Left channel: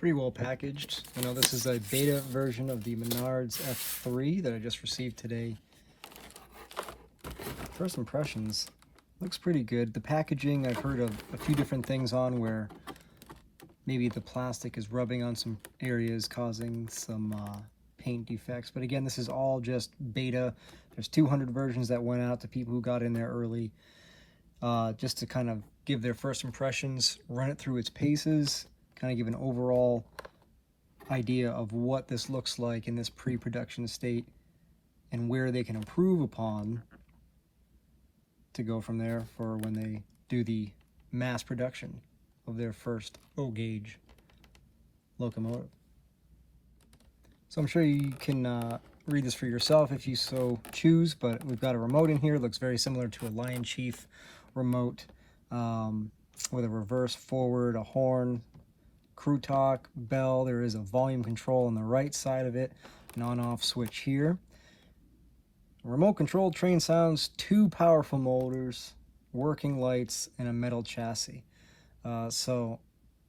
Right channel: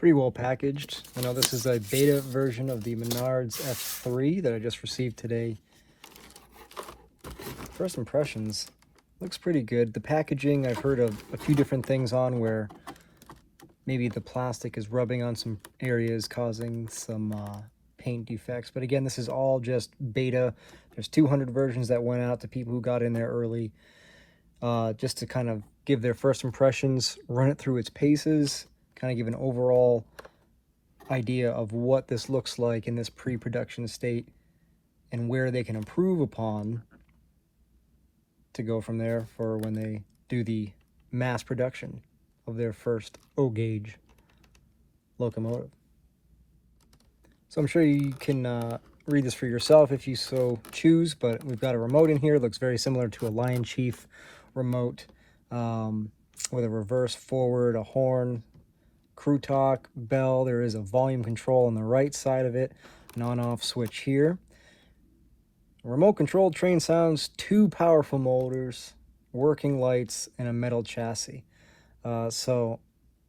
pretty well packaged. You know, this is a beta version of the Menards F3 that I just received today. First impressions, looks pretty good. The packaging, I've heard of a few different things on where maybe the plastic is rubbing on some areas, causing some paint defects. But again, this is all just beta. There's 200 versions that went out to people who got in there early, just to kind of give their first impressions, run it through its paces, kind of give an overall idea of what this looks like in this pre-production state and where they can improve upon to go from there for when they do the mass production of their first O gauge locomotive. So I'm sure you can read this for yourself if you so choose, but we've got a remote in here. It looks very similar to a Lion Chief remote, with a reverse forward, a horn, crew talk, bell. There is a volume control on the right side of it, an on-off switch here. Remote controlled train sounds, 2 powerful motors, working lights, and a metal chassis. So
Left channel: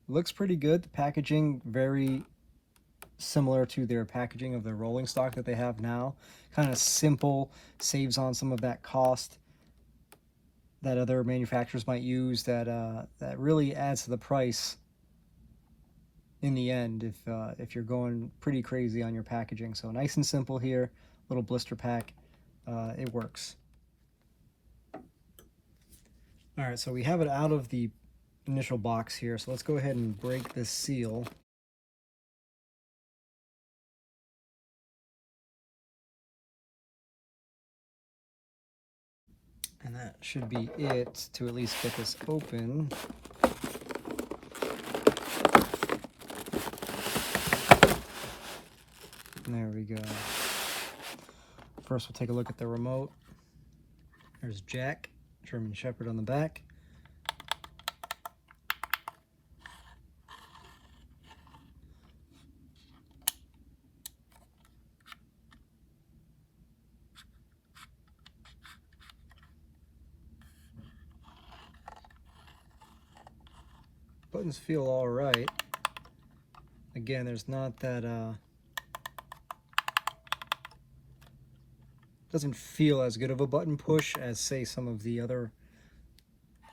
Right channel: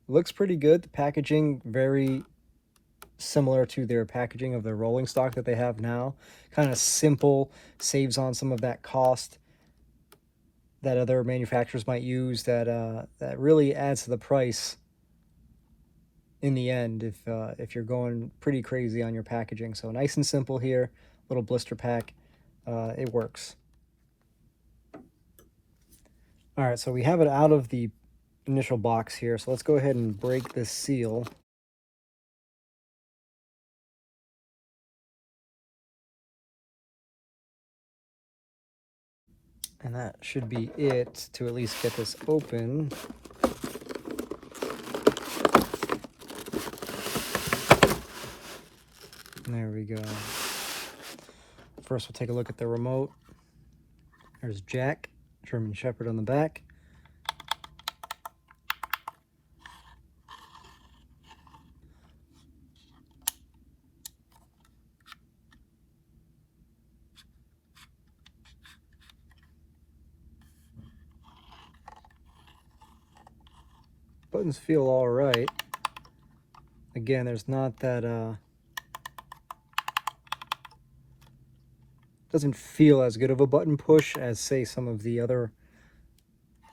looks pretty good. The packaging very similar to their packaging of the rolling stock that they have now. Kind of simple, saves on some of that cost that other manufacturers might use, that really adds to the price in the end if you're going pretty crazy on your packaging. So nice and simple here, little blister pack. It works. All right, so we have it out of the initial box here, so let's go ahead and break this seal. And that should be it to at least get this open. There we go. First, we'll take a look at the remote. There's Jack, German Shepherd on the back. Buttons feel all right. Again, there's not that, doesn't feel as good of a button push as, say, some of the other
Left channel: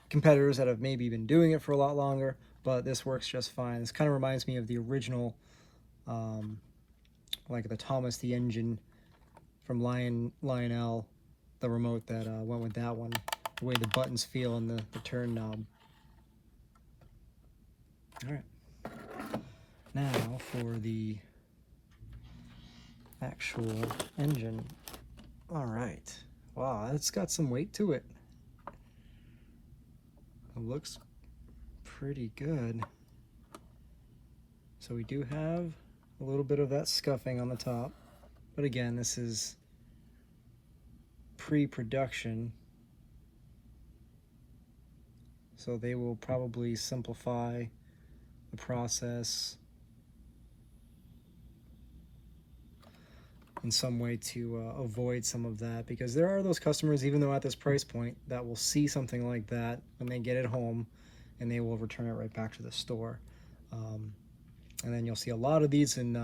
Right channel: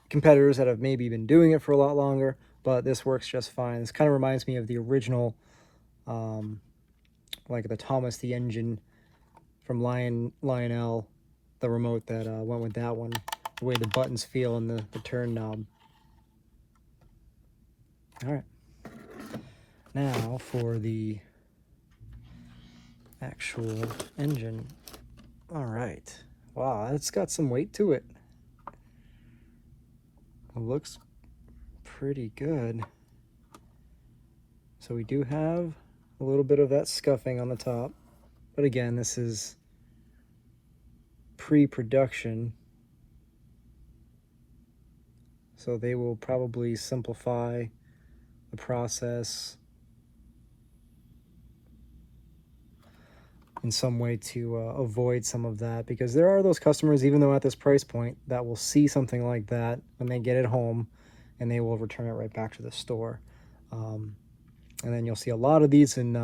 competitors that have maybe been doing it for a lot longer, but this works just fine. This kind of reminds me of the original, like the Thomas the Engine from Lionel, the remote that went with that one, the way the buttons feel and the turn knob. All right, now for the actual engine. All right, wow, it's got some weight to it. It looks pretty good. So we do have a little bit of that scuffing on the top, but again, this is pre-production, so they will probably simplify the process in some way to avoid some of that, because there are those customers, even though at this price point, that will see something like that when they get it home and they will return it right back to the store. And then you'll see a lot of these in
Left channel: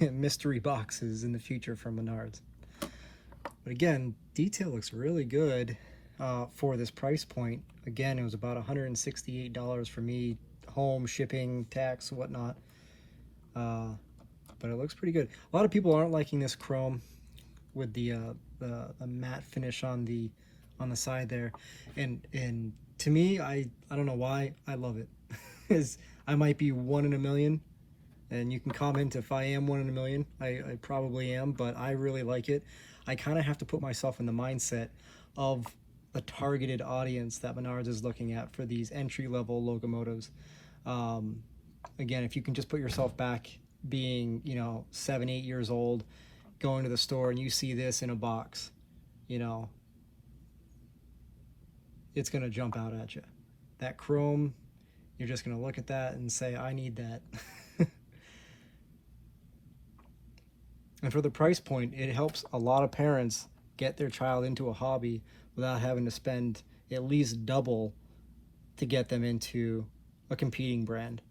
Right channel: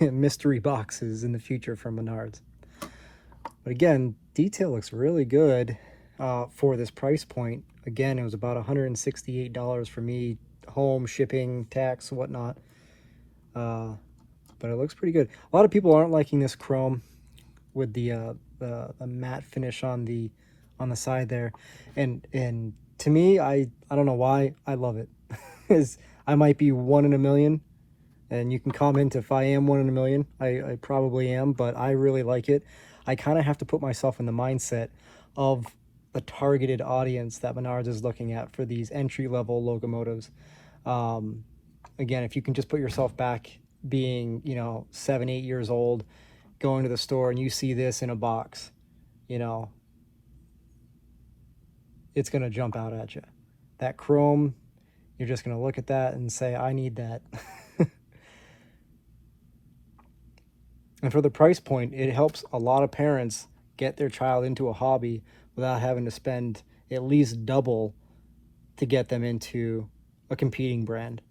mystery boxes in the future from Menards. But again, detail looks really good for this price point. Again, it was about $168 for me, home, shipping, tax, whatnot. But it looks pretty good. A lot of people aren't liking this chrome with the matte finish on the side there, and to me, I don't know why, I love it. I might be 1 in a million, and you can comment if I am 1 in a million. I probably am, but I really like it. I kind of have to put myself in the mindset of the targeted audience that Menards is looking at for these entry-level locomotives. Again, if you can just put yourself back being, 7, 8 years old, going to the store and you see this in a box, it's going to jump out at you. That chrome, you're just going to look at that and say, I need that. And for the price point, it helps a lot of parents get their child into a hobby without having to spend at least double to get them into a competing brand.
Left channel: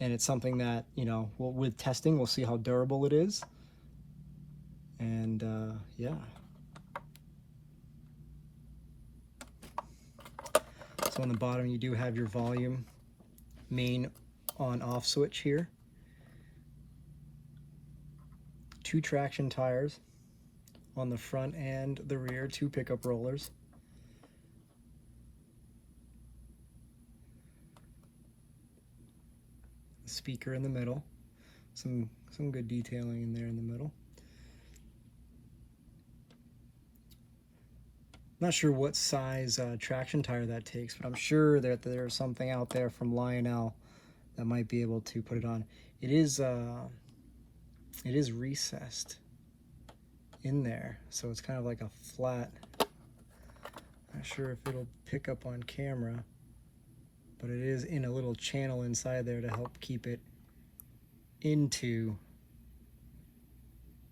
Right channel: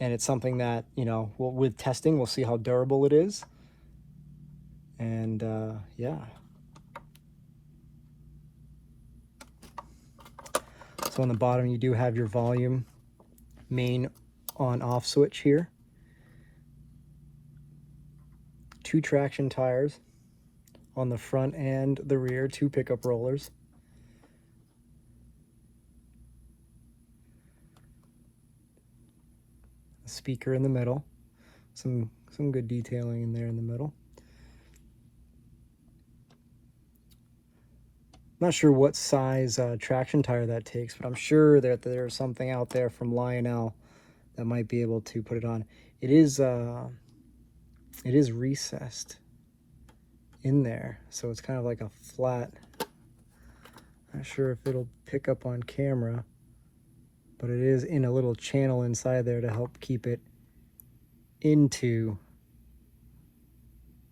And it's something that, you know, with testing, we'll see how durable it is. And yeah. So on the bottom, you do have your volume main on-off switch here. 2 traction tires on the front and the rear, 2 pickup rollers. A speaker in the middle. Some good detailing in there in the middle. Not sure what size traction tire that takes, but I'm sure that there's something out there from Lionel that might be able to put it on. It is recessed in there, so it's kind of like a flat. Not sure if it'll pick up on camera, but it is in a little channel inside there to help keep it into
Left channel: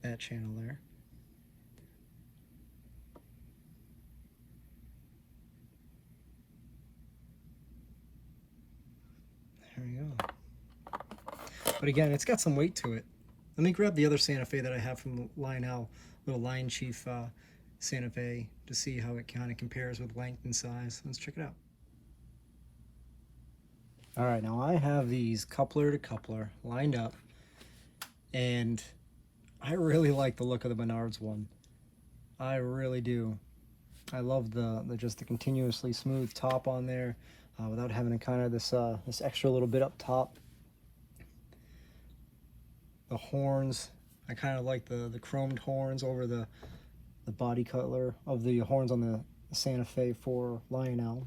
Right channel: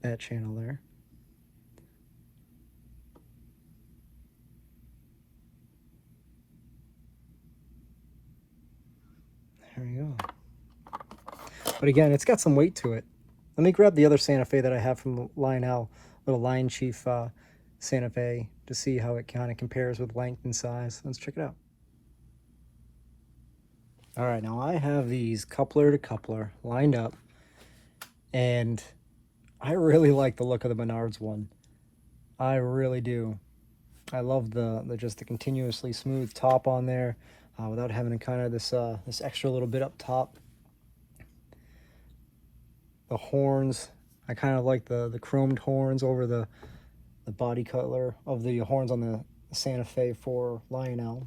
that channel there. There we go. But again, it's got some weight to it. Let me grab the other Santa Fe that I have from Lionel, little Lion Chief Santa Fe, to see how it kind of compares with length and size. Let's check it out. All right, now I have these coupler to coupler lined up, and I really like the look of the Menards one. I really do. I love just the continuously smooth top on there, without having to kind of this extra little bit up top. The horns, I kind of like the chromed horns over the body color of the horns on the Santa Fe for Lionel.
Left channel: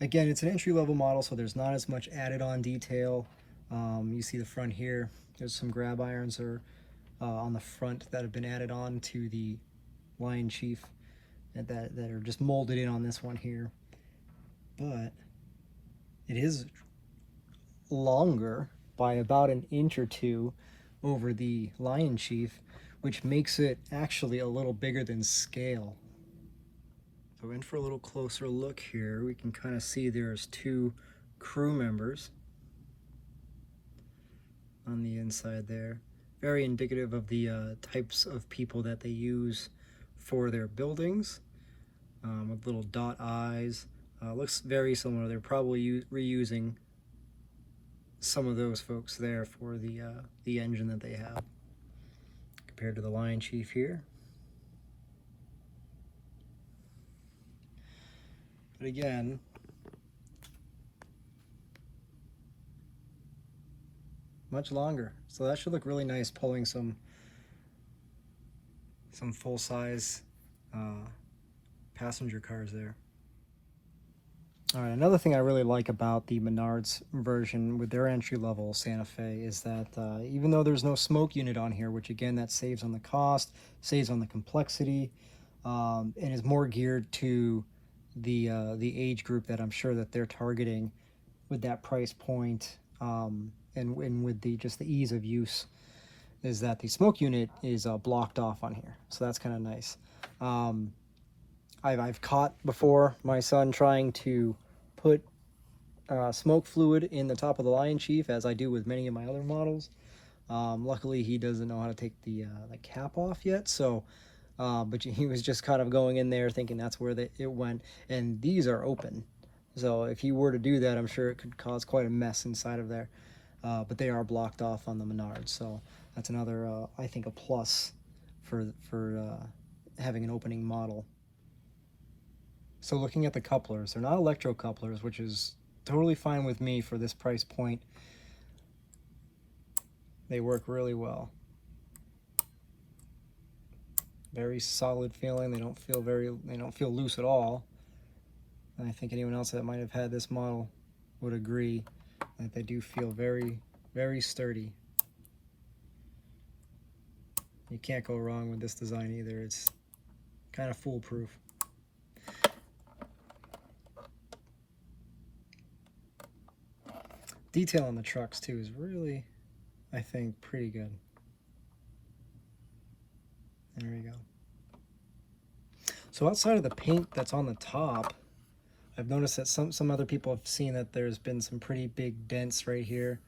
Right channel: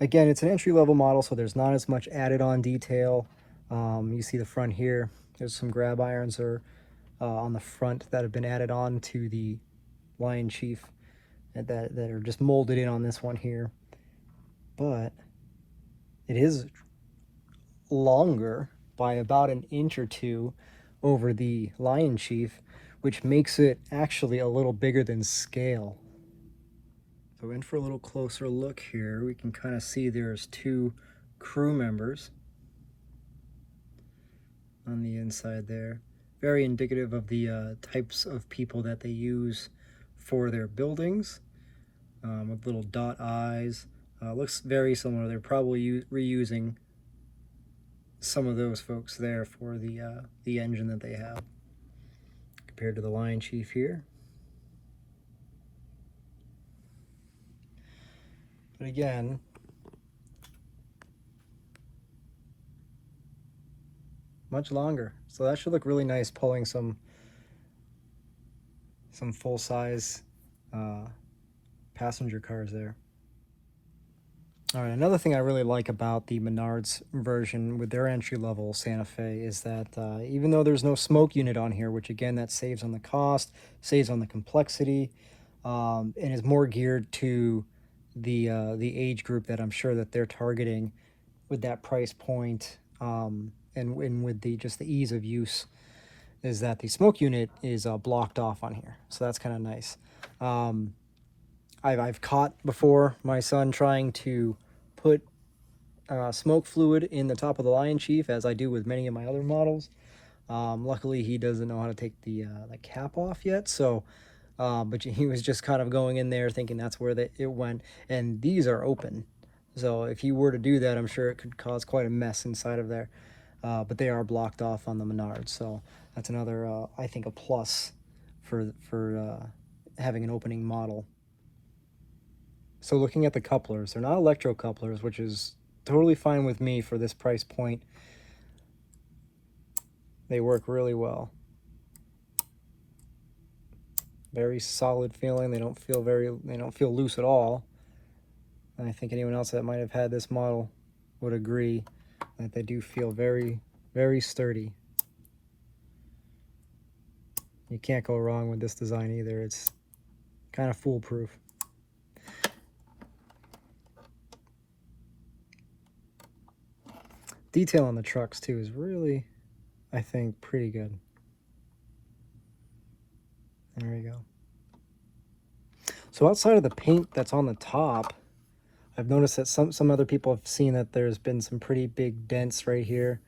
Again, it's an entry-level model, so there's not as much added on detail. You see the front here. There's some grab irons on the front that have been added on to the Lion Chief that are just molded in on this one here. But it is longer by about an inch or two over the Lion Chief, which makes it actually a little bigger than scale. So in for a little closer look here, we can kind of see there's 2 crew members on the inside there. Very indicative of the types of people that they use for their buildings, with little dot eyes. Looks very similar. They're probably reusing some of those folks there for the engine that they have, compared to the Lion Chief here. But again, much longer. So that should look really nice pulling some full-size passenger cars there. All right, another thing I really like about the Menards version with their entry-level Santa Fe is that even though there's no smoke unit on here, which again, that saves on the cost, saves on the complexity, and is more geared to the age group that I'm sure that they're targeting with that price point, and with just the ease of use, is that the smoke unit is blocked off on here. So that's kind of nice. I've caught before my son trying to put smoke fluid in the top of the Lion Chief, as I do with many of my other models. Luckily, he doesn't know how to take the cap off yet, so but he was just kind of going in there thinking that's where it went. And these are open, so if he were to do that, I'm sure it could cause quite a mess inside of there. But they are blocked off on the Menards, so that's another, I think, a plus for having an opening model. So looking at the couplers, they're not electro couplers, which is totally fine with me for this price point. They work really well. Very solid feeling. They don't feel loose at all. And I think anyone else that might have had this model would agree that they do feel very, very sturdy. You can't go wrong with this design either. It's kind of foolproof. Detail on the trucks too is really, I think, pretty good. There we go. So outside of the paint that's on the top, I've noticed that some other people have seen that there's been some pretty big dents right here,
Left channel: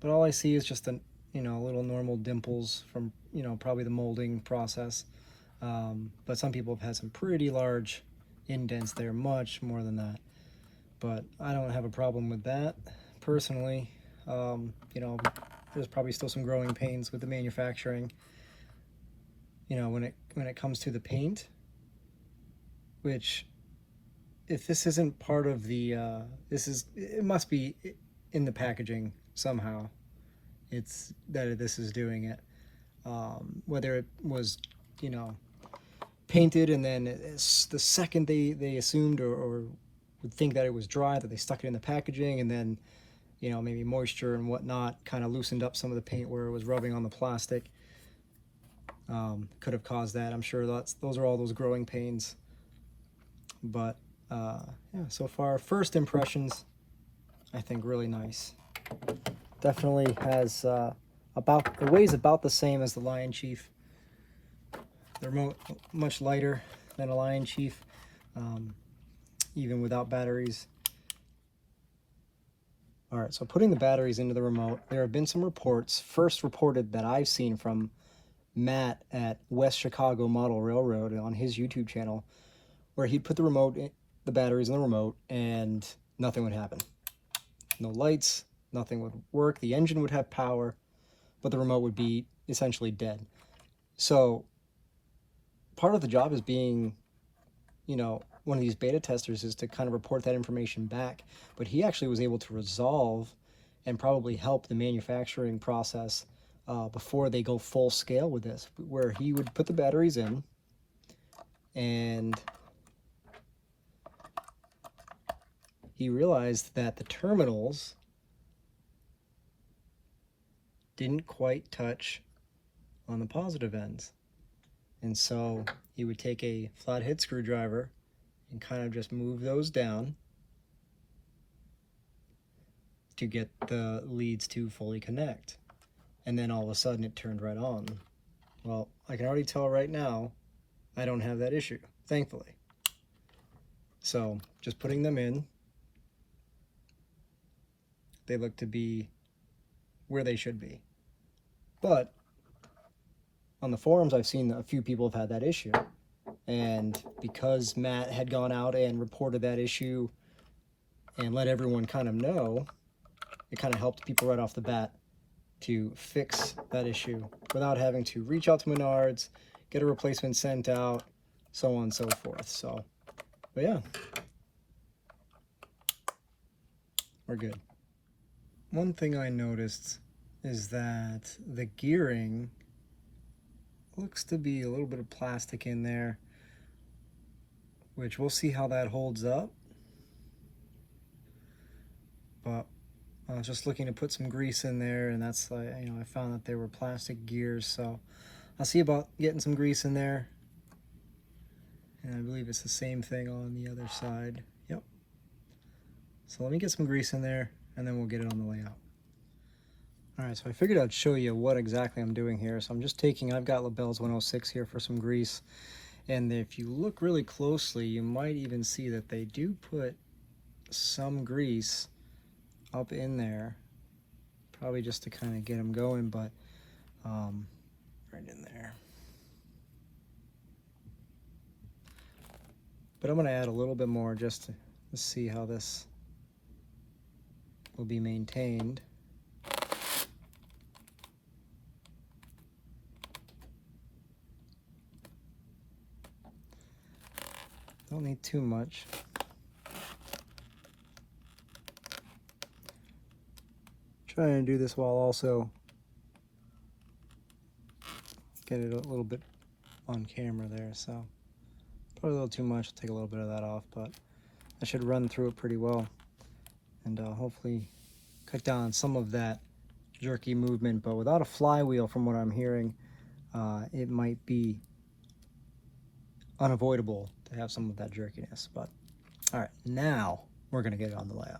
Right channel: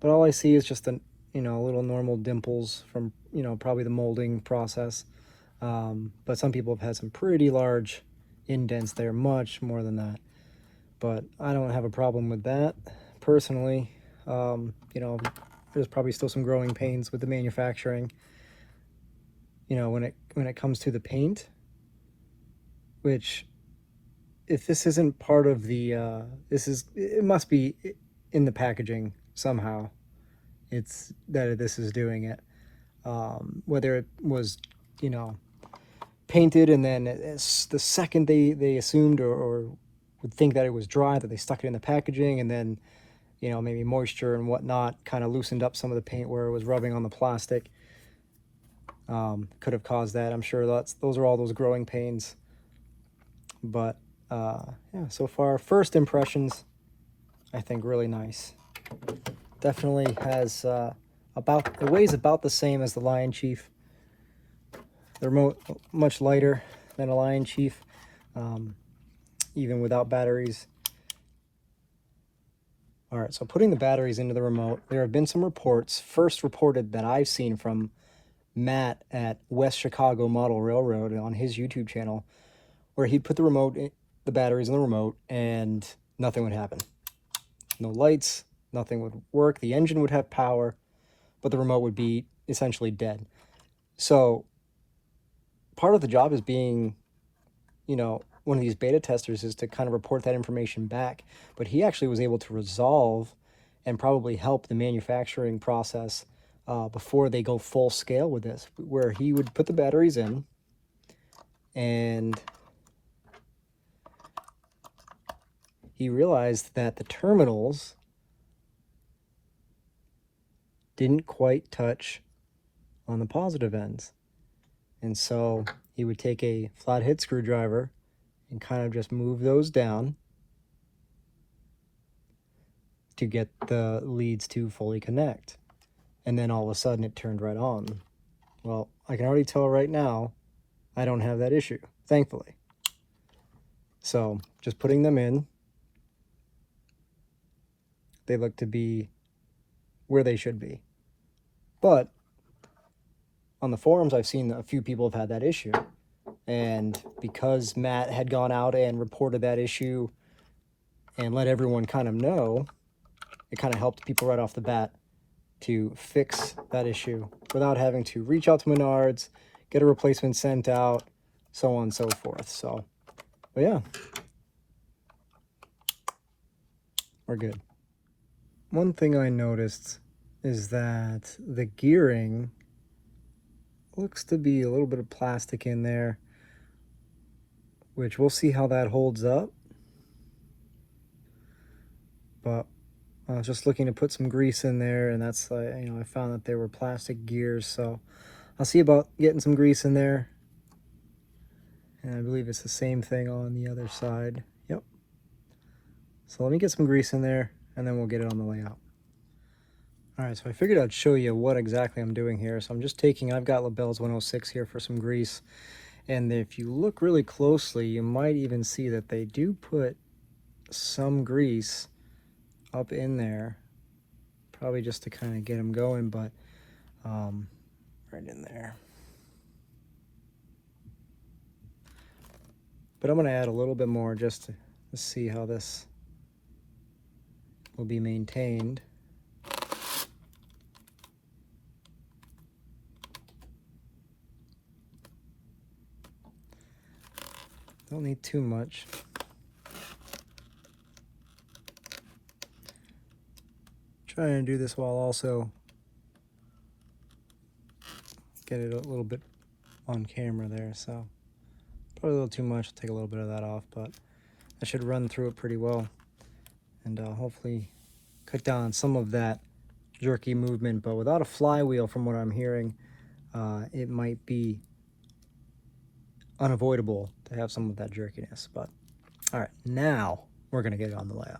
but all I see is just a little normal dimples from probably the molding process. But some people have had some pretty large indents there, much more than that. But I don't have a problem with that personally. There's probably still some growing pains with the manufacturing. When it comes to the paint, which, if this isn't part of the it must be in the packaging somehow. It's that this is doing it. Whether it was painted and then the second they assumed or would think that it was dry, that they stuck it in the packaging, and then maybe moisture and whatnot kind of loosened up some of the paint where it was rubbing on the plastic. Could have caused that. I'm sure those are all those growing pains. But yeah, so far, first impressions, I think really nice. Definitely has the weight's about the same as the Lion Chief. They're much lighter than a Lion Chief, even without batteries. All right, so putting the batteries into the remote, there have been some reports, first reported that I've seen from Matt at West Chicago Model Railroad on his YouTube channel, where he'd put the batteries in the remote and nothing would happen. No lights, nothing would work. The engine would have power, but the remote would be essentially dead. So part of the job is being, one of these beta testers is to kind of report that information back. But he actually was able to resolve and probably help the manufacturing process before they go full scale with this, where he would put the batteries in and he realized that the terminals didn't quite touch on the positive ends. And so he would take a flathead screwdriver and kind of just move those down to get the leads to fully connect. And then all of a sudden it turned right on. Well, I can already tell right now I don't have that issue, thankfully. So just putting them in, they look to be where they should be. But on the forums, I've seen a few people have had that issue. And because Matt had gone out and reported that issue and let everyone kind of know, it kind of helped people right off the bat to fix that issue without having to reach out to Menards, get a replacement sent out, so on and so forth. So, but yeah, we're good. One thing I noticed is that the gearing looks to be a little bit of plastic in there, which we'll see how that holds up. But I was just looking to put some grease in there, and that's I found that they were plastic gears, so I'll see about getting some grease in there. And I believe it's the same thing on the other side. Yep. So let me get some grease in there, and then we'll get it on the layout. All right, so I figured I'd show you what exactly I'm doing here. So I'm just I've got LaBelle's 106 here for some grease. And if you look really closely, you might even see that they do put some grease up in there, probably just to kind of get them going, but right in there. But I'm going to add a little bit more just to see how this will be maintained. Don't need too much. Trying to do this while also get it a little bit on camera there, so probably a little too much. Take a little bit of that off, but I should run through it pretty well and hopefully cut down on some of that jerky movement. But without a flywheel, from what I'm hearing, it might be unavoidable to have some of that jerkiness. But all right, now we're gonna get it on the layout.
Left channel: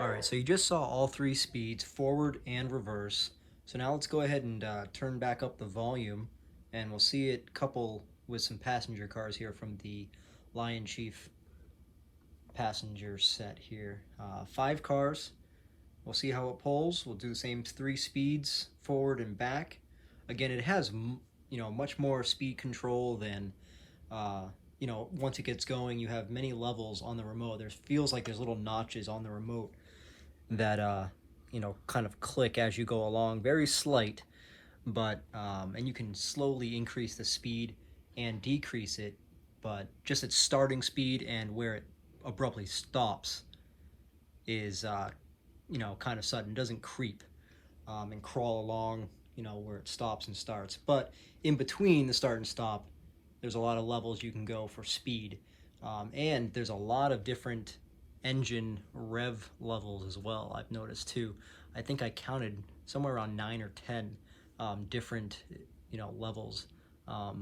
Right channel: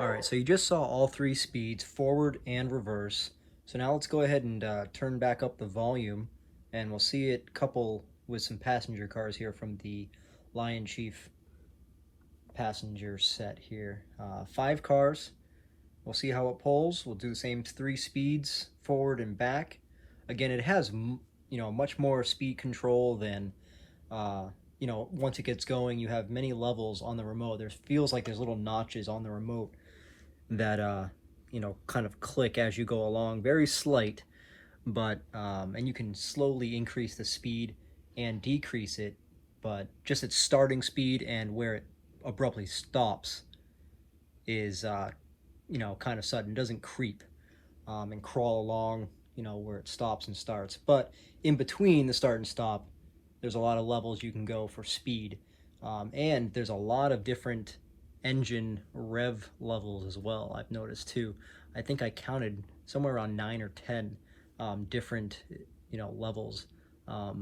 All right, so you just saw all three speeds, forward and reverse. So now let's go ahead and turn back up the volume, and we'll see it couple with some passenger cars here from the Lion Chief passenger set here. 5 cars. We'll see how it pulls. We'll do the same 3 speeds, forward and back. Again, it has much more speed control than once it gets going. You have many levels on the remote. There feels like there's little notches on the remote that kind of click as you go along, very slight, but and you can slowly increase the speed and decrease it, but just its starting speed and where it abruptly stops is kind of sudden. It doesn't creep and crawl along where it stops and starts, but in between the start and stop there's a lot of levels you can go for speed, and there's a lot of different engine rev levels as well. I've noticed too. I think I counted somewhere around 9 or 10 different levels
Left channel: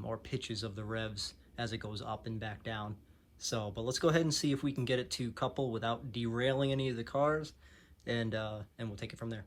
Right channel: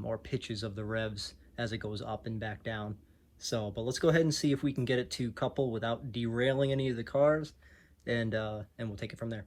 or pitches of the revs as it goes up and back down. So, but let's go ahead and see if we can get it to couple without derailing any of the cars, and we'll take it from there.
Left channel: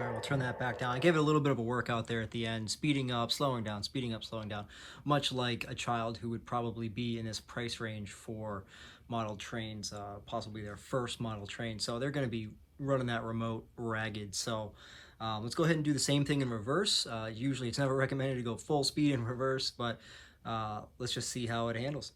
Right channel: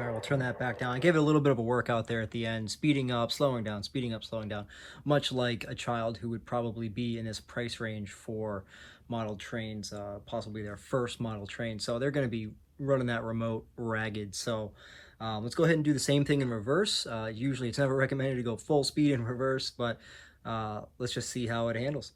All right, we'll turn that back down. I gave it a little bit of a workout there at the end, speeding up, slowing down, speeding up, slowing down, much like a child who would probably be in this price range for model trains, possibly their first model train. So they're going to be running that remote ragged. So let's go ahead and do the same thing in reverse. Usually it's never recommended to go full speed in reverse, but let's just see how it handles.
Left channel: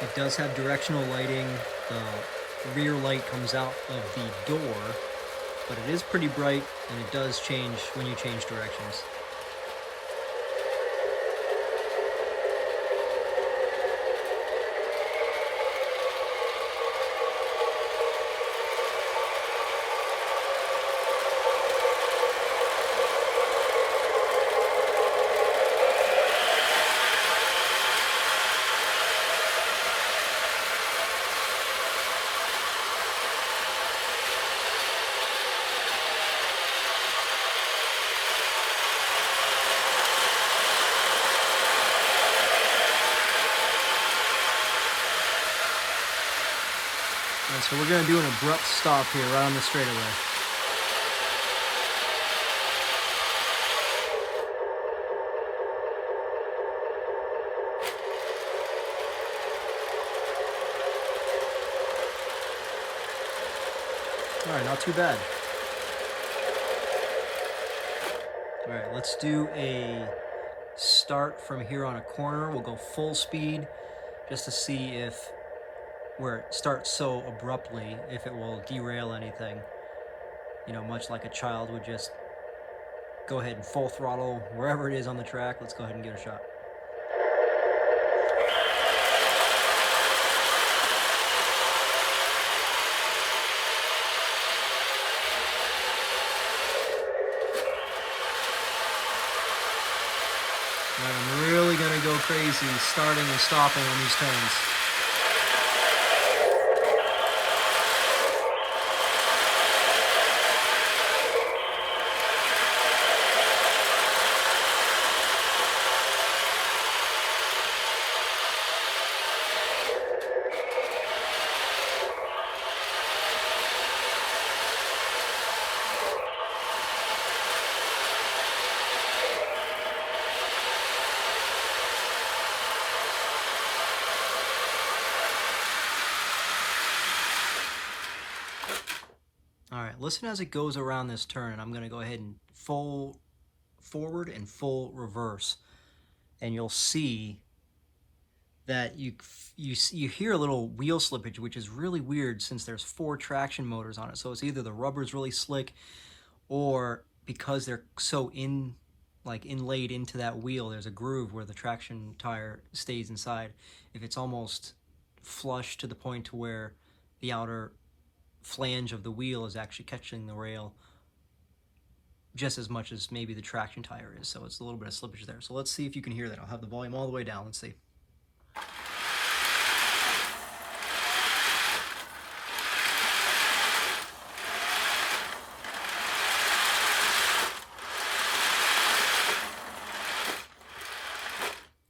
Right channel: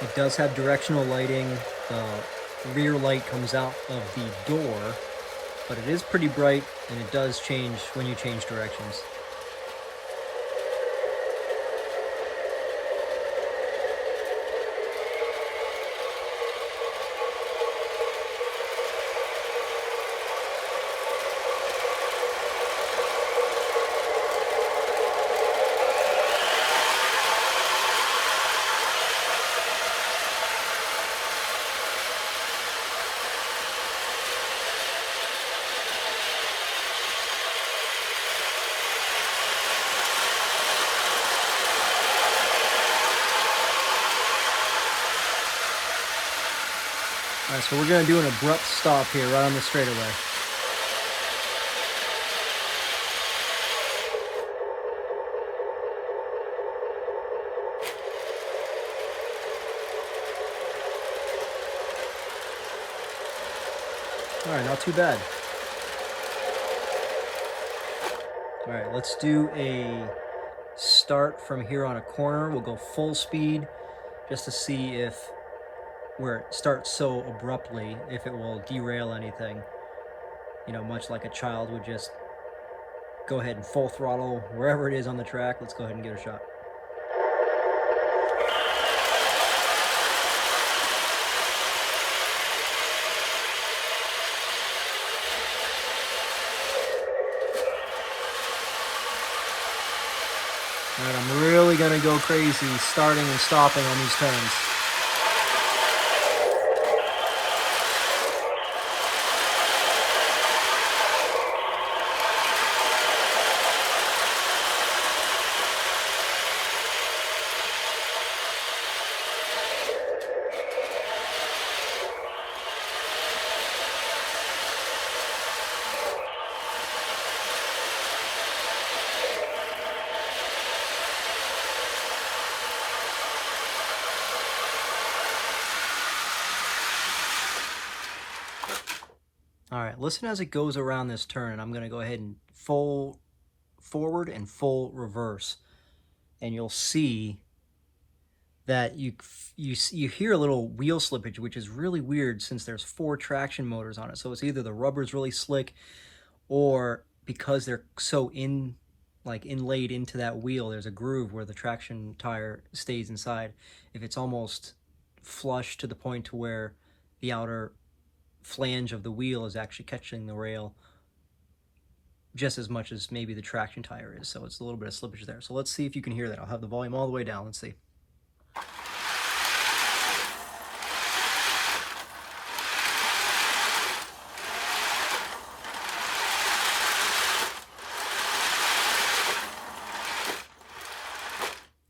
It does have directional lighting. The rear light comes out of the door, but it is pretty bright, and it does change when you change directions. All right, so we're going to do an abrupt stop here right on the straightaway. All right, not too bad. All right, let's do a start from here on a corner. We'll go full speed just to see if where it starts so abruptly, if it will derail anything. You know, much like a child would just go ahead and full throttle wherever it is on the track. Let's go ahead and give it a shot. All right, I'm really gonna go crazy starting and stopping on these turns. All right, listen as it goes around this turn. I'm going to go ahead and full forward and full reverse. And you'll see that you hear a little wheel slippage, which is really weird since there's 4 traction motors on it. So it's either the rubber's really slick, or because they're so inlaid into that wheel, there's a groove where the traction tire stays inside. If it's almost flush to the point to where the outer flange of the wheel is actually catching the rail just as much as maybe the traction tire is, so it's a little bit of slippage there. So let's see if you can hear that. I'll have the volume all the way down. Let's see.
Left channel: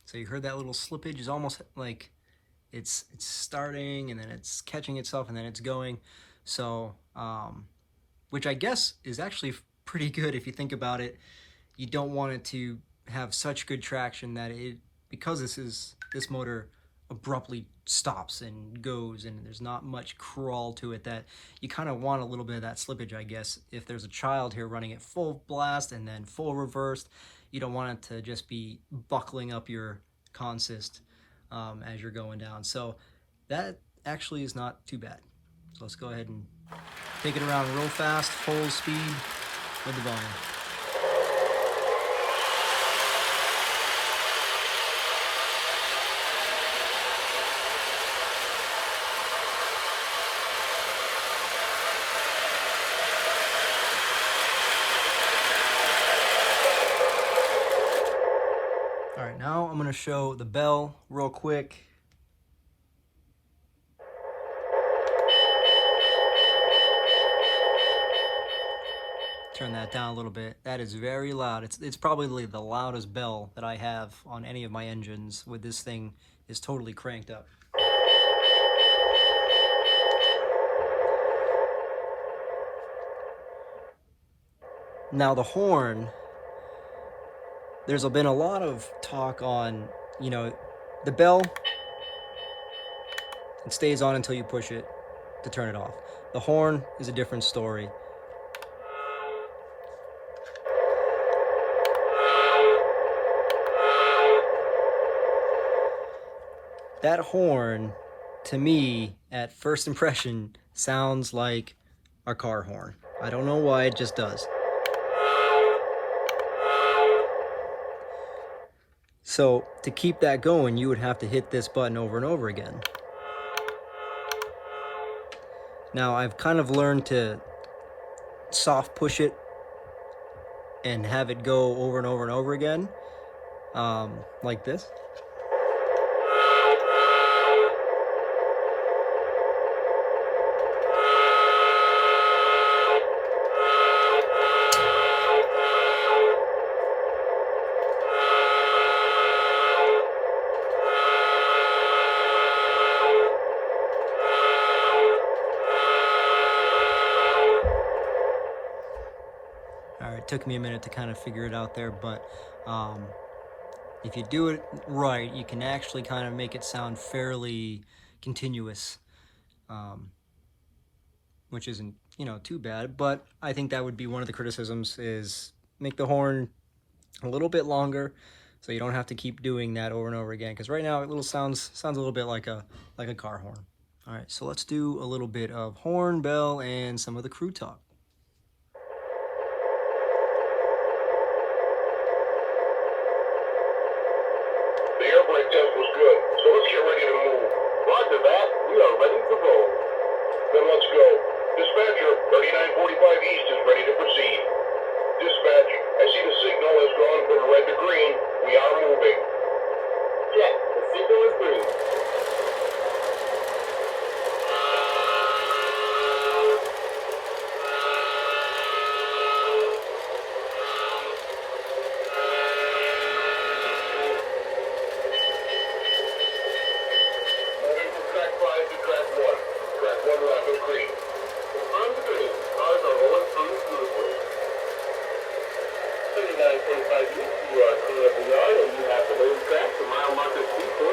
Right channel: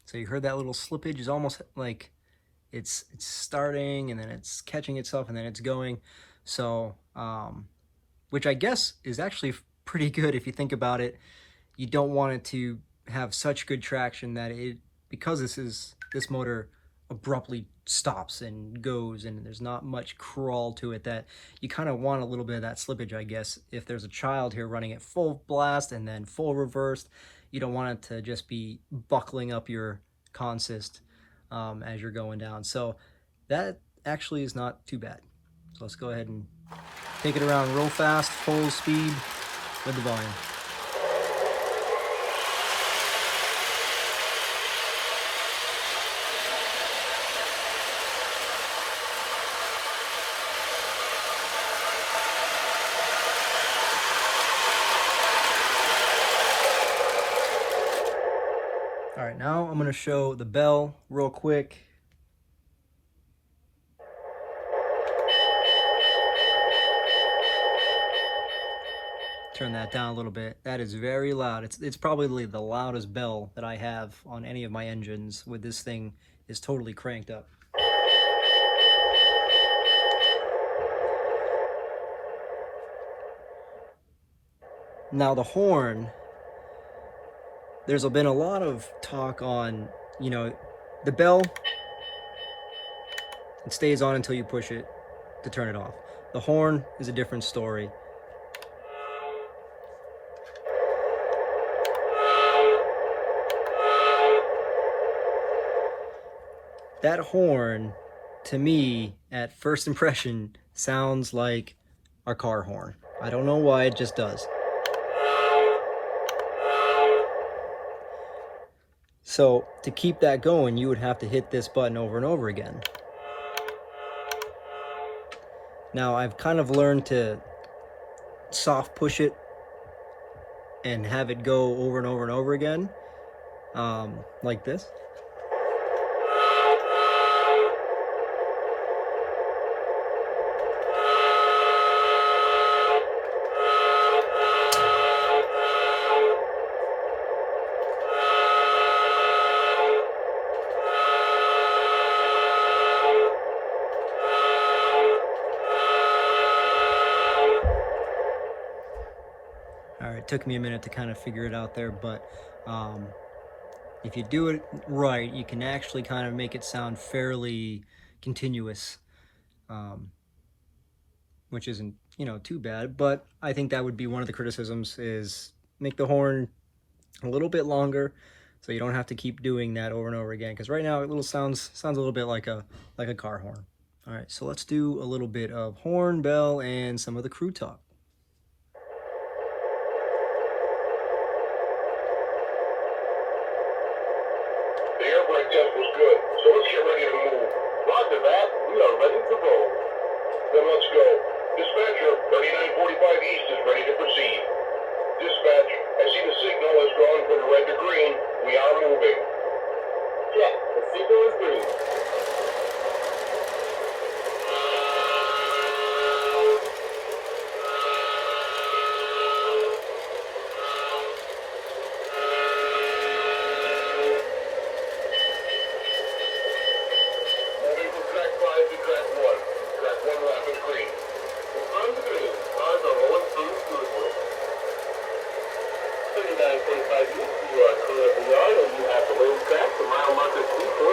So you heard that little slippage is almost like it's starting and then it's catching itself and then it's going. So, which I guess is actually pretty good if you think about it. You don't want it to have such good traction that because this motor abruptly stops and goes and there's not much crawl to it, that you kind of want a little bit of that slippage, I guess. If there's a child here running at full blast and then full reversed, you don't want it to just be buckling up your consist as you're going down. So that actually is not too bad. So let's go ahead and take it around real fast, full speed with the volume. All right, now I'm going to show the bell real quick. Turn that down a little bit. That is very loud. It's probably the loudest bell that I have on any of my engines with this thing is totally cranked up. Now the horn, there's been a lot of talk on, you know, the bell, it stays on until you push it to turn it off. The horn is a different story. That horn, to me, at first impression, sounds like a car horn. I don't know why, it just does. So to keep that going, you would have to hit this button over and over again. Now I've kind of learned to soft push it and have it go over and over and over again, like this. It took me a minute to kind of figure it out there, but if you do it right, you can actually kind of make it sound fairly continuous, which isn't, you know, too bad. But I think that would be one of the criticisms, is make the horn a little bit longer, so you don't have to keep doing that over and over again. Because right now it sounds a little bit like a car horn. All right, so let's do a little bit of horn, bell, and some of the crew talk. The air brake test was good, so let's get ready to move. Roger that, we are ready to roll. Then let's go. Dispatcher, 3945 East is ready to proceed. Dispatch, I see the signal has gone from red to green. We are moving. Check, the signal is green. Moving from track 5 to track 1. Track 1 lap is green. On the green, cars are rolling through smoothly. 3945 East, you are clear of the yard and you have the main track to mile marker 2.3.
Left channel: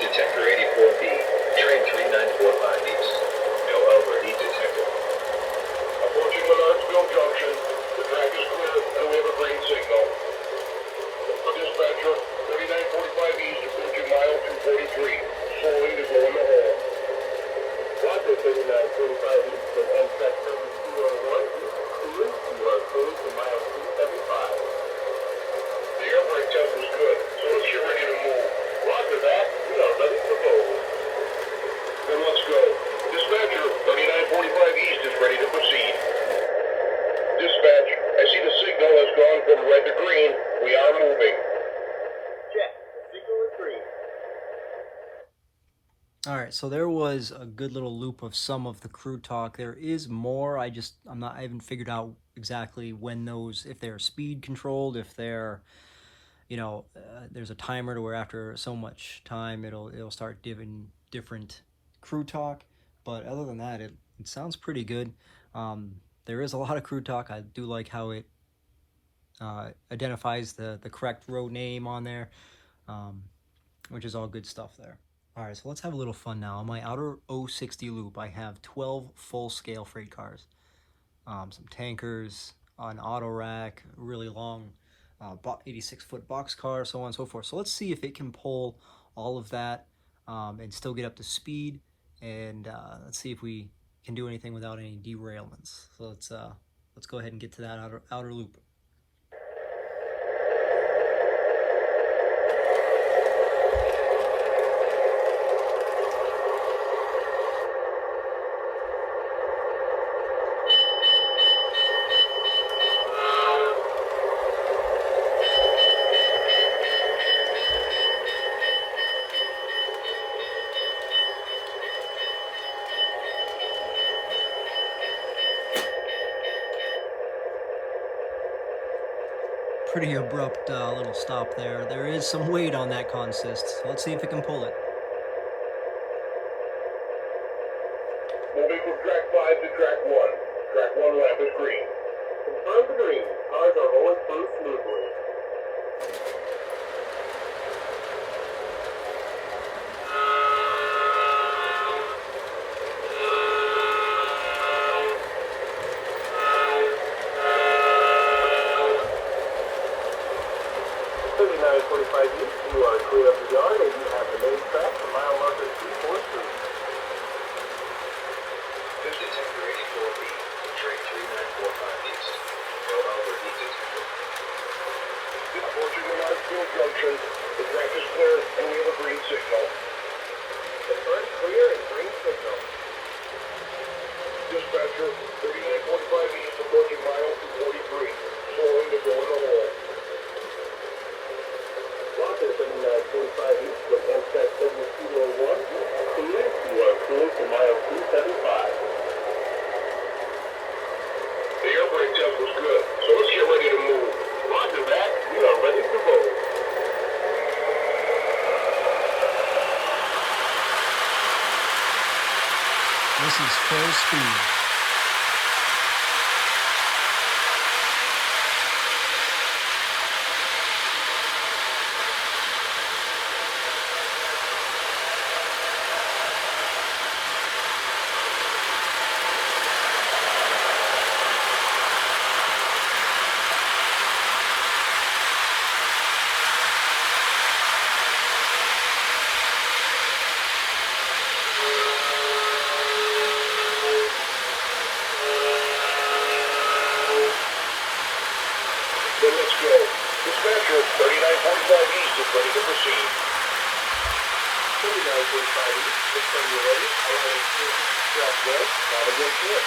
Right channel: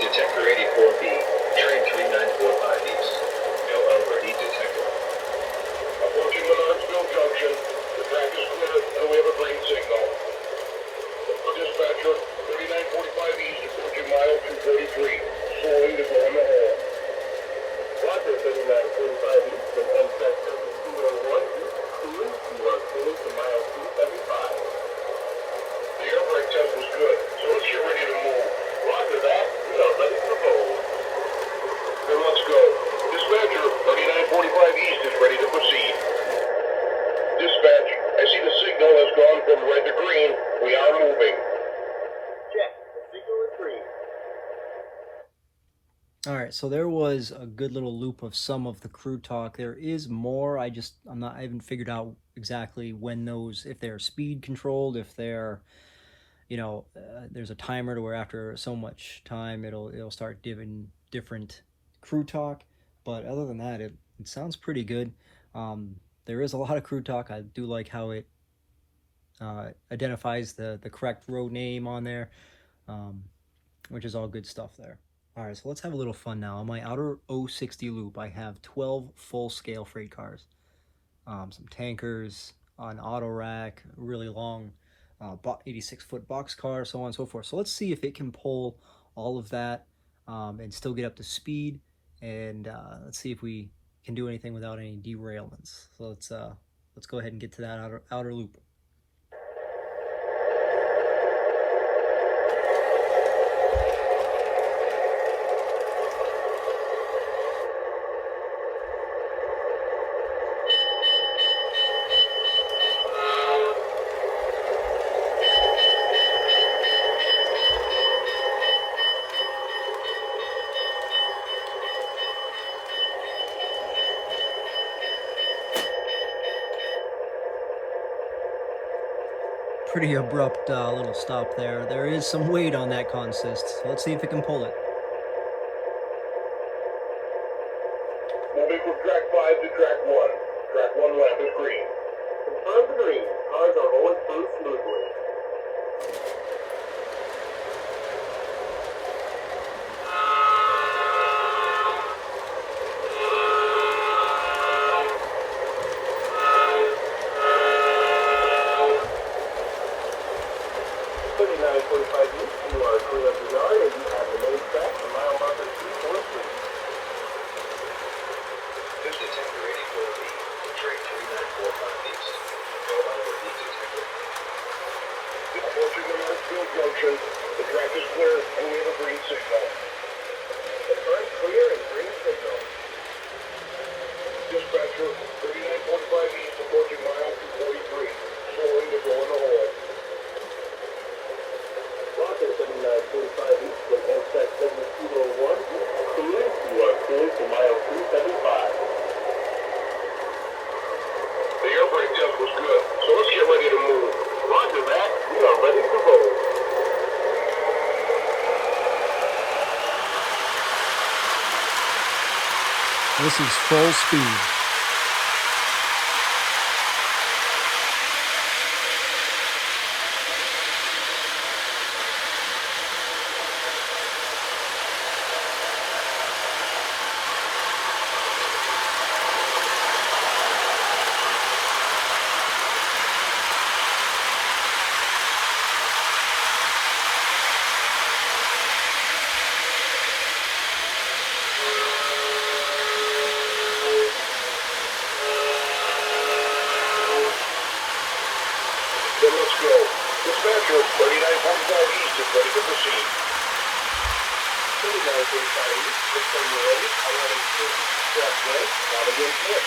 Detector 84B, train 3945 East. No already detected. Approaching Menards Junction. The track is clear and we have a green signal. For dispatcher, 3945 East approaching mile 243. Slowing to go in the hole. Roger, 3945 East from on track service 201 East. Clear, you are clear to mile 275. The air brake test was good, so let's get ready to move. Roger that, we are ready to roll. Then let's go. Dispatcher, 3945 East is ready to proceed. Dispatch, I see the signal has gone from red to green. We are moving. Check, the signal is green. All right, so there was a good little loop of some of the crew talk. There is more. I haven't figured out exactly when those, if they're speed controlled, if they're, there's a timer to where after so much time it'll start giving different crew talk. But other than that, it sounds pretty good. There is a lot of crew talk. I do like how it identifies the correct road name on there, which is all good stuff there. All right, so let's have a little fun now. On my outer 060 loop, I have 12 full-scale freight cars, some tankers, an auto rack, a really long 86-foot box car, so on and so forth. So let's see if it can pull all of that and still get up to speed, and let's see if we can do anything without any derailments. So let's go ahead and get to that outer loop. Pretty abrupt little stop there. There is some weight on that consist, so let's see if it can pull it. Moving from track 5 to track 1. Track 1 lap is green. On the green, cars are rolling through smoothly. You are clear of the yard and you have the main track to mile marker 3.3. Detector 84B, train 3945 East. No already detected. Approaching Menards Junction. The track is clear and we have a green signal. The track clear and green signal. Dispatcher, 3945 East approaching mile 243. Slowing to go in the hole. Roger, 3945 East from on track 7201 East. Clear, you are clear to mile 275. The air brake test was good, so let's get ready to move. Roger that, we are ready to roll. This is full speed. go. Dispatcher, 3945 east is ready to proceed. 3945 east, this time you're ready. Allowing track west. Have a good trip.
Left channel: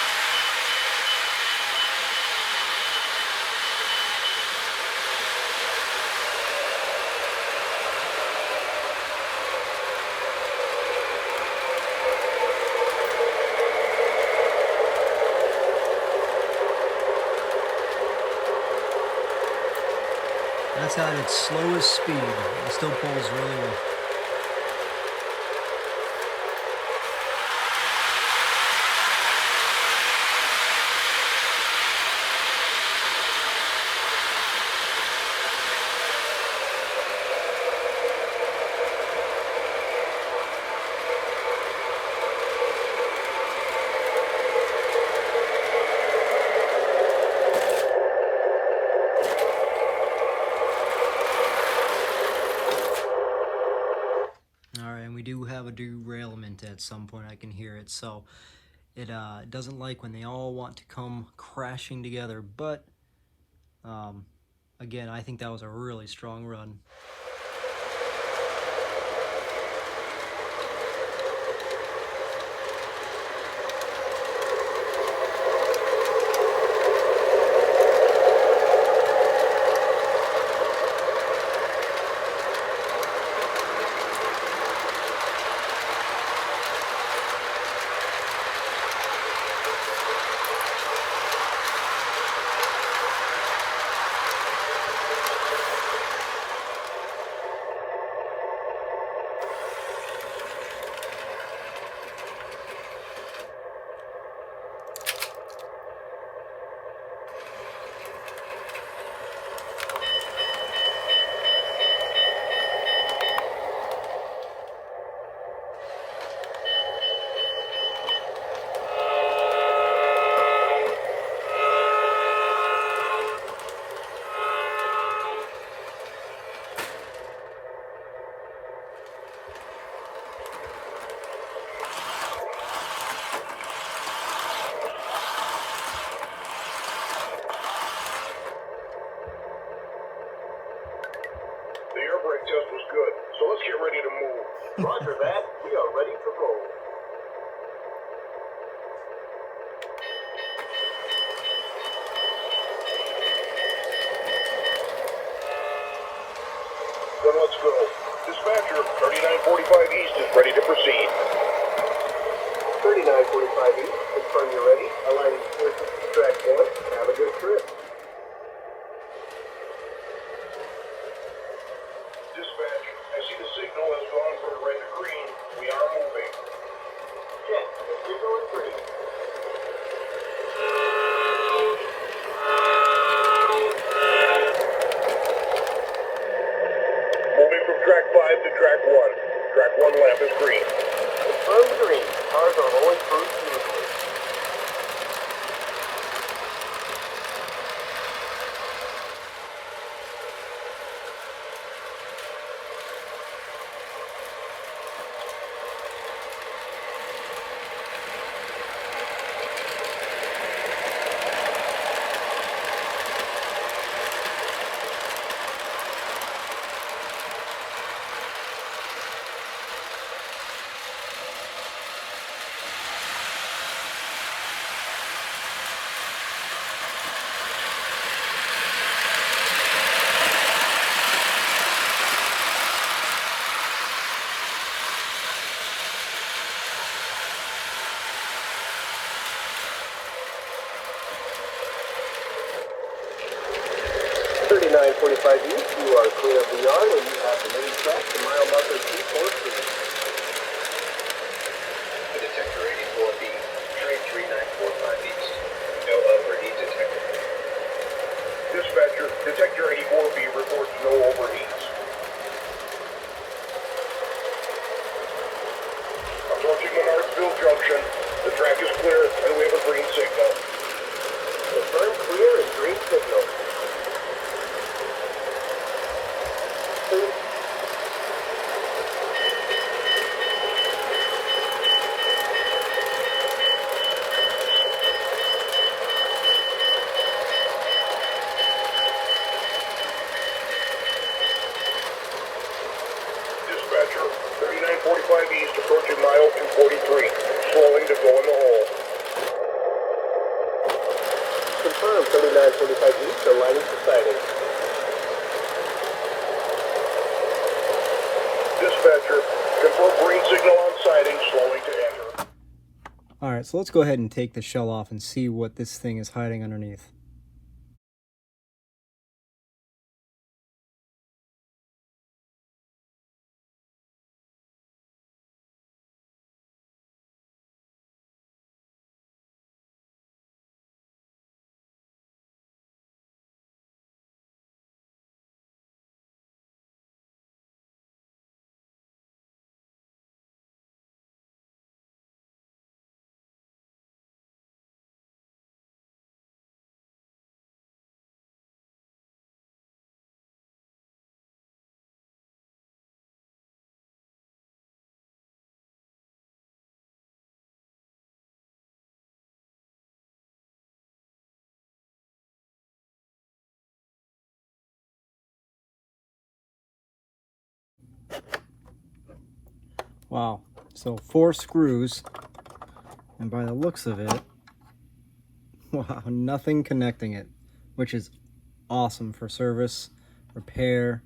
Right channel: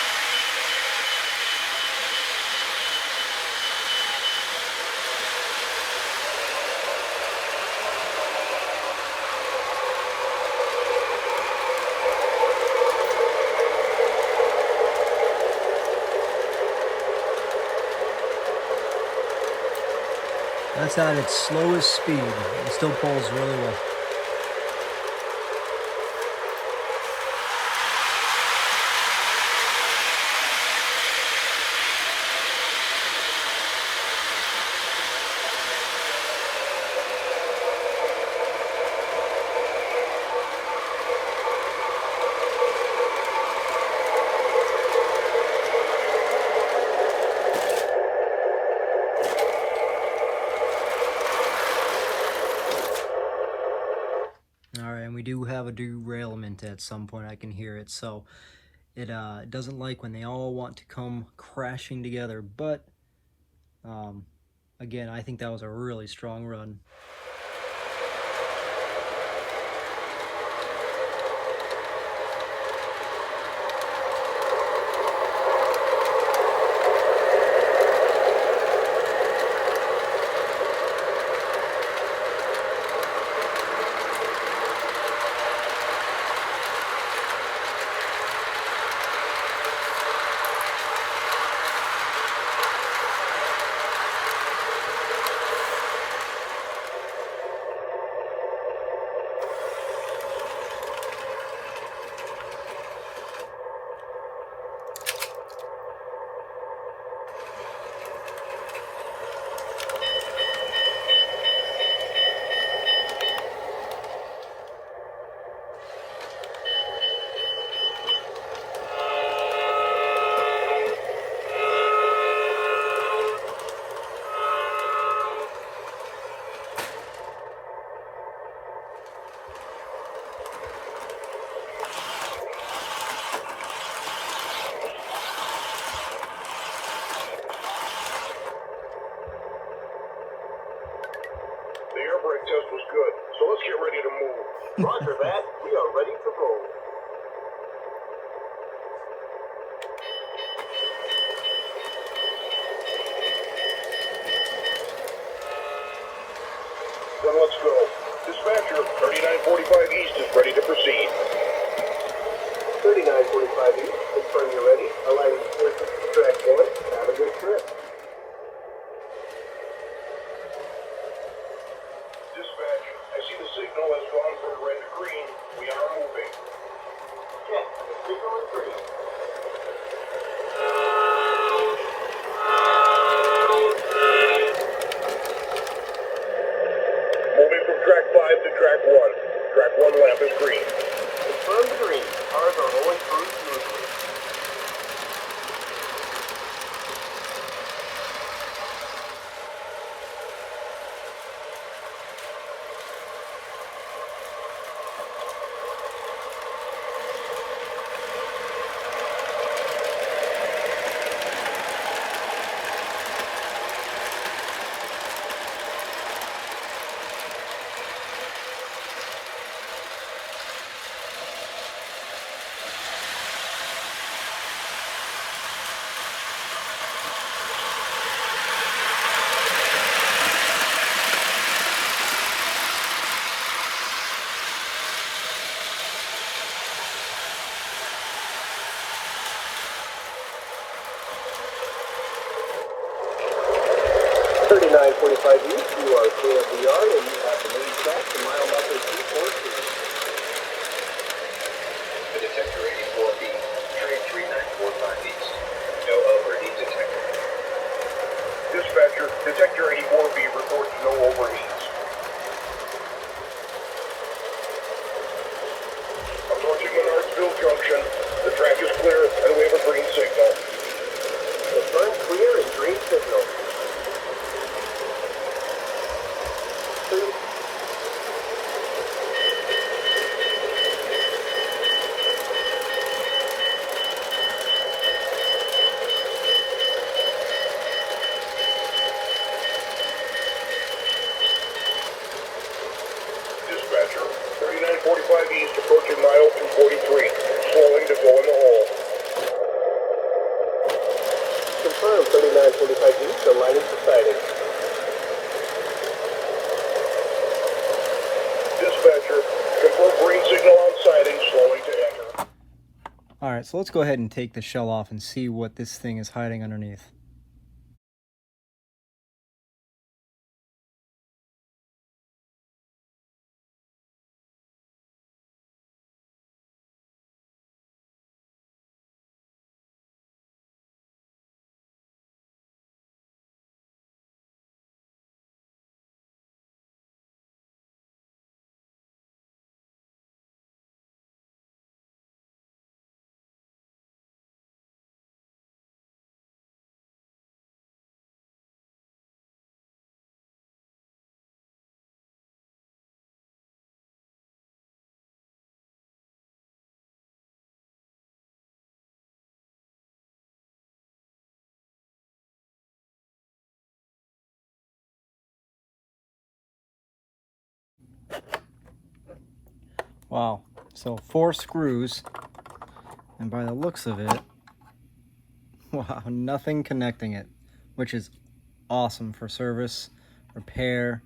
That's at its slowest speed. It still pulls really well. Alright, and we do have a derailment at some point. I can hear it, so it doesn't like when they all want to come crashing together, but again, I think that was a really strong run. The air brake test was good, so let's get ready to move. Roger that. We are ready to roll. Then let's go. Dispatcher, 3945 east is ready to proceed. 3945 east, confirm you're ready. Allowing track one. Have a good trip. Dispatch, I see the signal has gone from red to green. We are moving. Check. The signal is green. Moving from track 5 to track 1. Track 1 lamp is green. Confirm green. Cars are rolling through smoothly. East, you are clear of the yard and you have the main track to mile marker 2.2. The detector 84B, train 3945 east. No overheat detected. Dispatcher, detector 84B reports no overheats. Approaching Menards Junction. The track is clear and we have a green signal. Confirm clear and green signal. Confirm 3945 East, aligning to siding. Dispatcher, confirm green signal on siding, slowing to enter. Alright, so let's go ahead and take the shell off and see what this thing is hiding underneath. Wow, so 4 screws, and by the looks of it, wow, nothing connecting it, which is awesome for service, repair,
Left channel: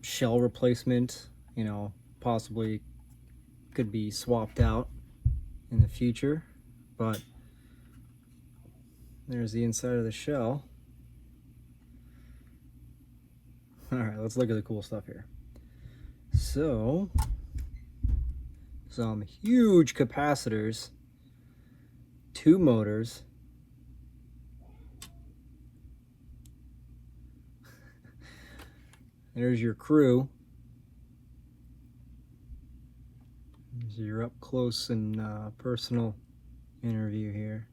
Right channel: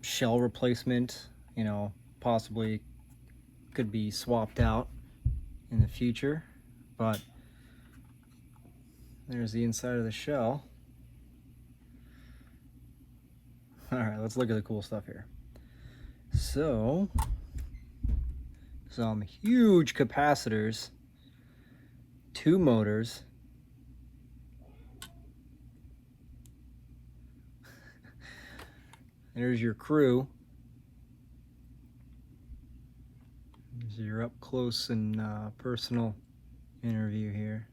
shell replacement, you know, possibly could be swapped out in the future, but there's the inside of the shell. Alright, let's look at the cool stuff here. So, some huge capacitors, 2 motors, there's your crew. This is your up close and personal interview here.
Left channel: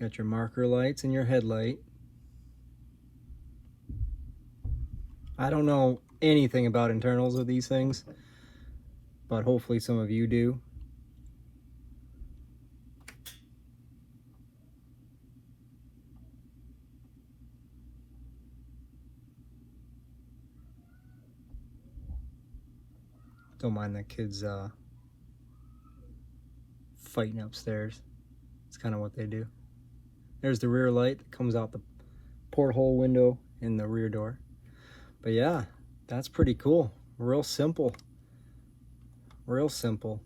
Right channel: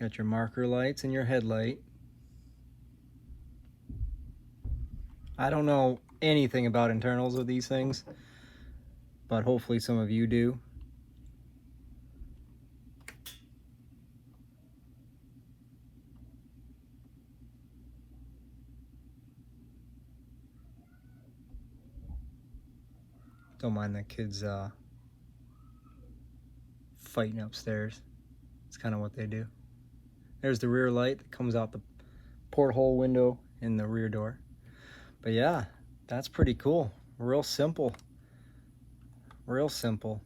Got your marker lights and your headlight. I don't know anything about internals of these things, but hopefully some of you do. Don't mind the kids fighting upstairs. It's kind of what they do. There's the rear light that comes out the porthole window in the rear door. But yeah, that's pretty cool. Real simple. Real simple.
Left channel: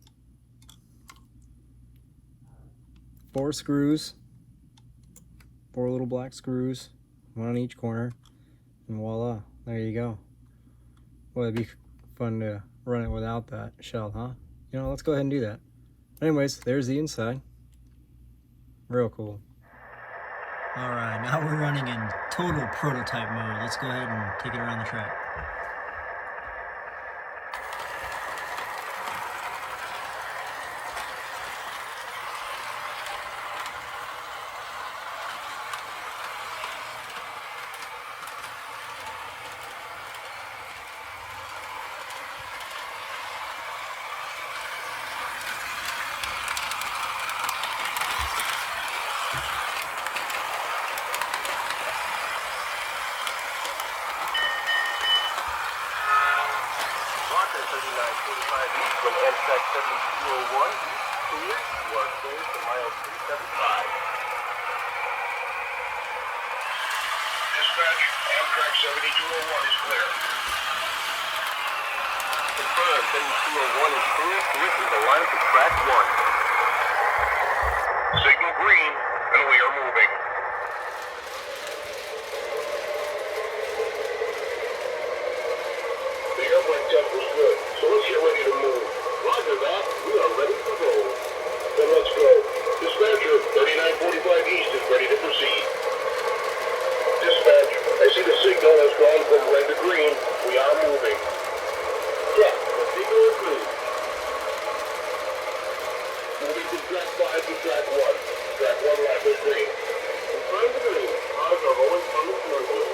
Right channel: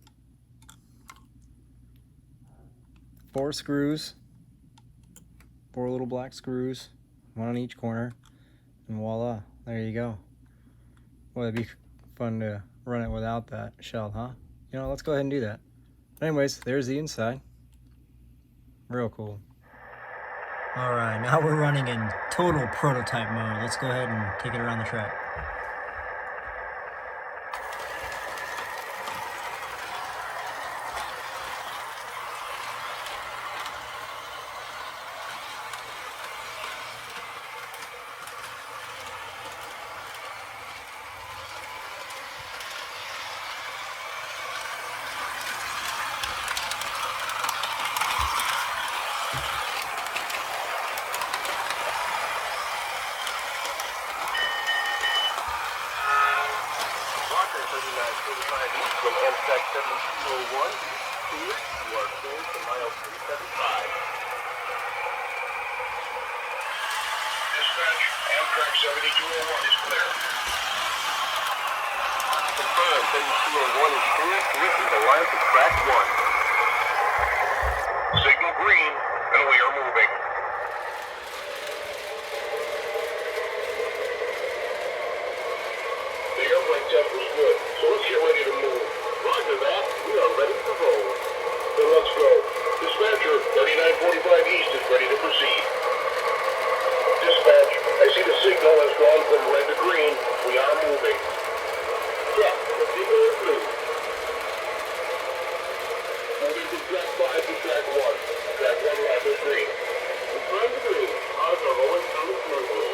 4 screws. 4 little black screws. 1 on each corner. And voila. There you go. Boy, it'd be fun to run it without that shell, huh? You know, let's go ahead and do that. Anyways, there's the inside. Real cool. Alright, now we're running in total prototype mode. Let's go ahead and take it around the track. From MSAC 7201, clear, you are clear to mile 375. Dispatch, Amtrak 7201 is clear. Confirm, 7201 is clear, clear is aligned to track 1. Signal green, and we are moving. The airplane test was good, so let's get ready to move. Roger that, we are ready to roll. Then let's go. Dispatcher, 3945 East is ready to proceed. Dispatch, I see the signal has gone from red to green. We are moving. Check, the signal is green. Moving from track 5 to track 1. Track 1 line is green. Confirm the green. Cars are rolling coming smoothly.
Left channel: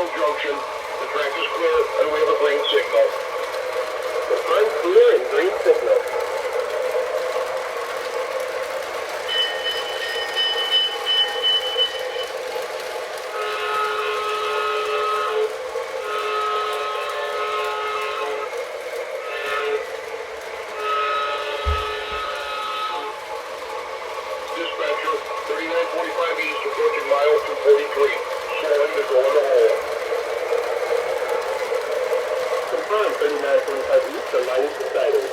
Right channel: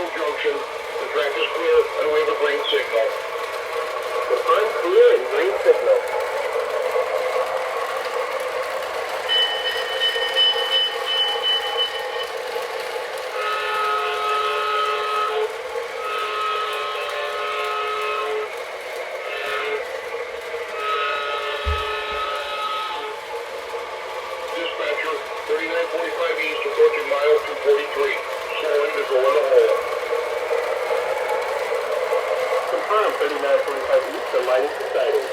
O Junction. The track is clear and we have a green signal. Confirm clear and green signal. Dispatcher, 3945 East, approaching mile 243. Slowing to go in the hole. Confirm 3945 East, the line is deciding.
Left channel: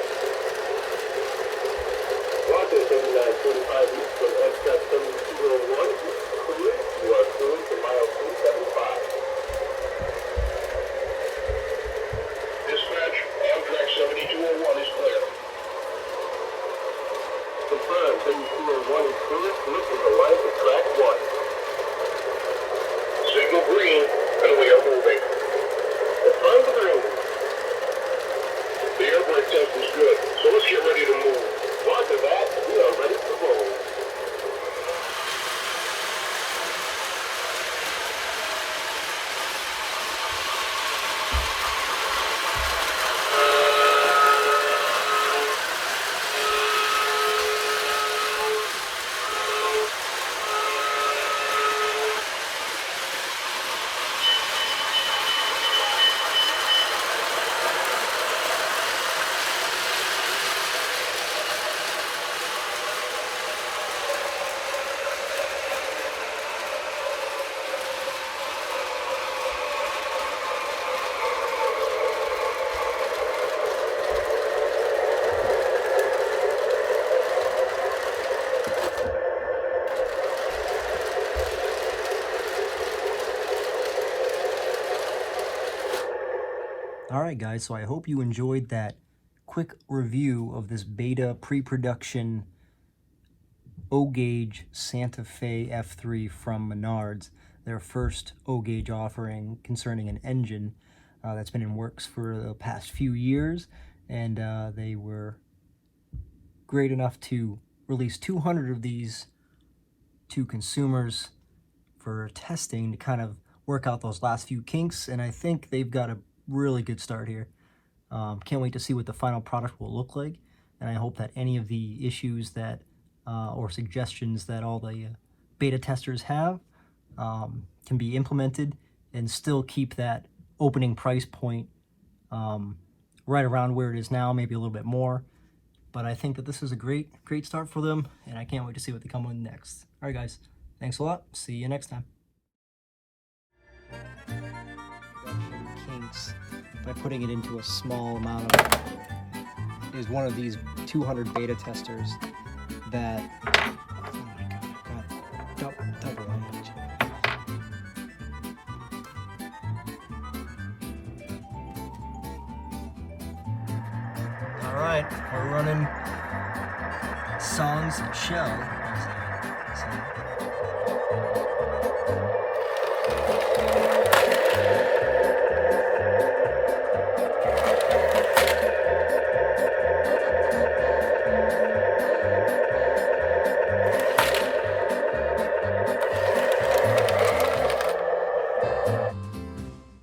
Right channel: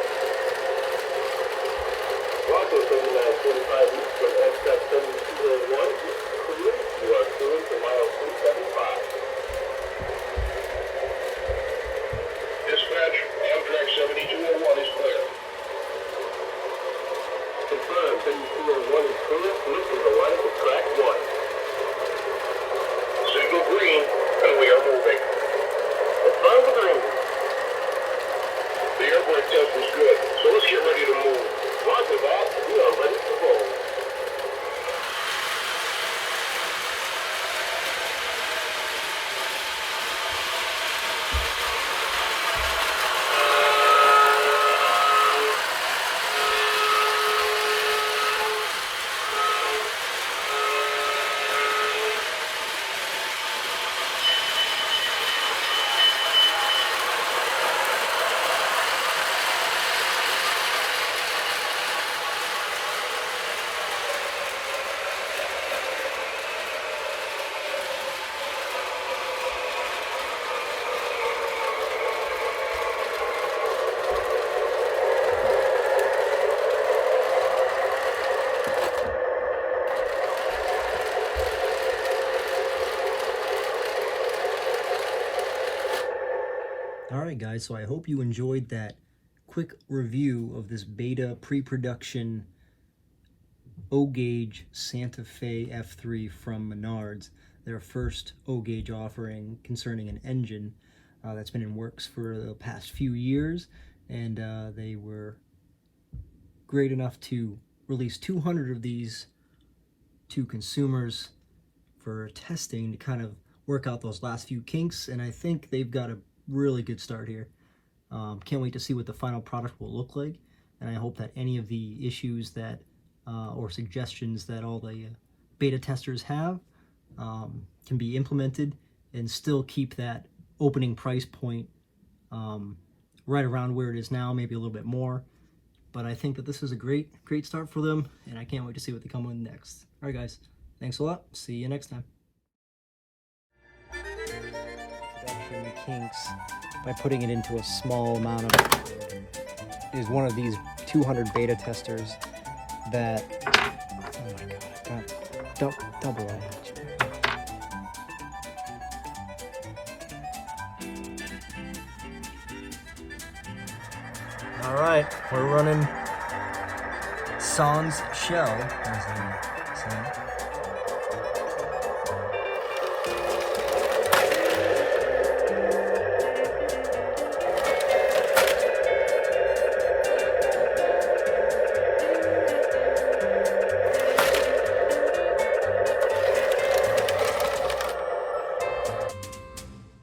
Roger 3945 East from exit 7201 is clear. You are clear to mile 375. Dispatch, Amtrak 7201 is clear. Confirm 7201 is clear. Look to the right of track 1. Signal green and we are moving. Confirm the green. The air brake test is good, so let's get ready to move. Roger that. We are ready to roll. Alright guys, so I hope you enjoyed that quick review of this beta pre-production O Gauge Santa Fe F3 from Menards, their first O Gauge offering concerning an engine that's been in works for the past few years, and they were great enough to release 200 of these to consumers for testing to kind of work out those last few kinks, and I think they've got a really good start here. Can't wait to see what the final product will look like, and I hope that any of the issues that or suggestions that all the beta testers have can be implemented and still keep that opening price point right around where it is now, maybe a little bit more. But I think that this is a great start for them, and I can't wait to see what they come with next. All right guys, thanks a lot, see you next time. Kinks by putting it into a small amount of is one of these 200 beta testers that don't go much. All right, we're running Sans Shell, as they say.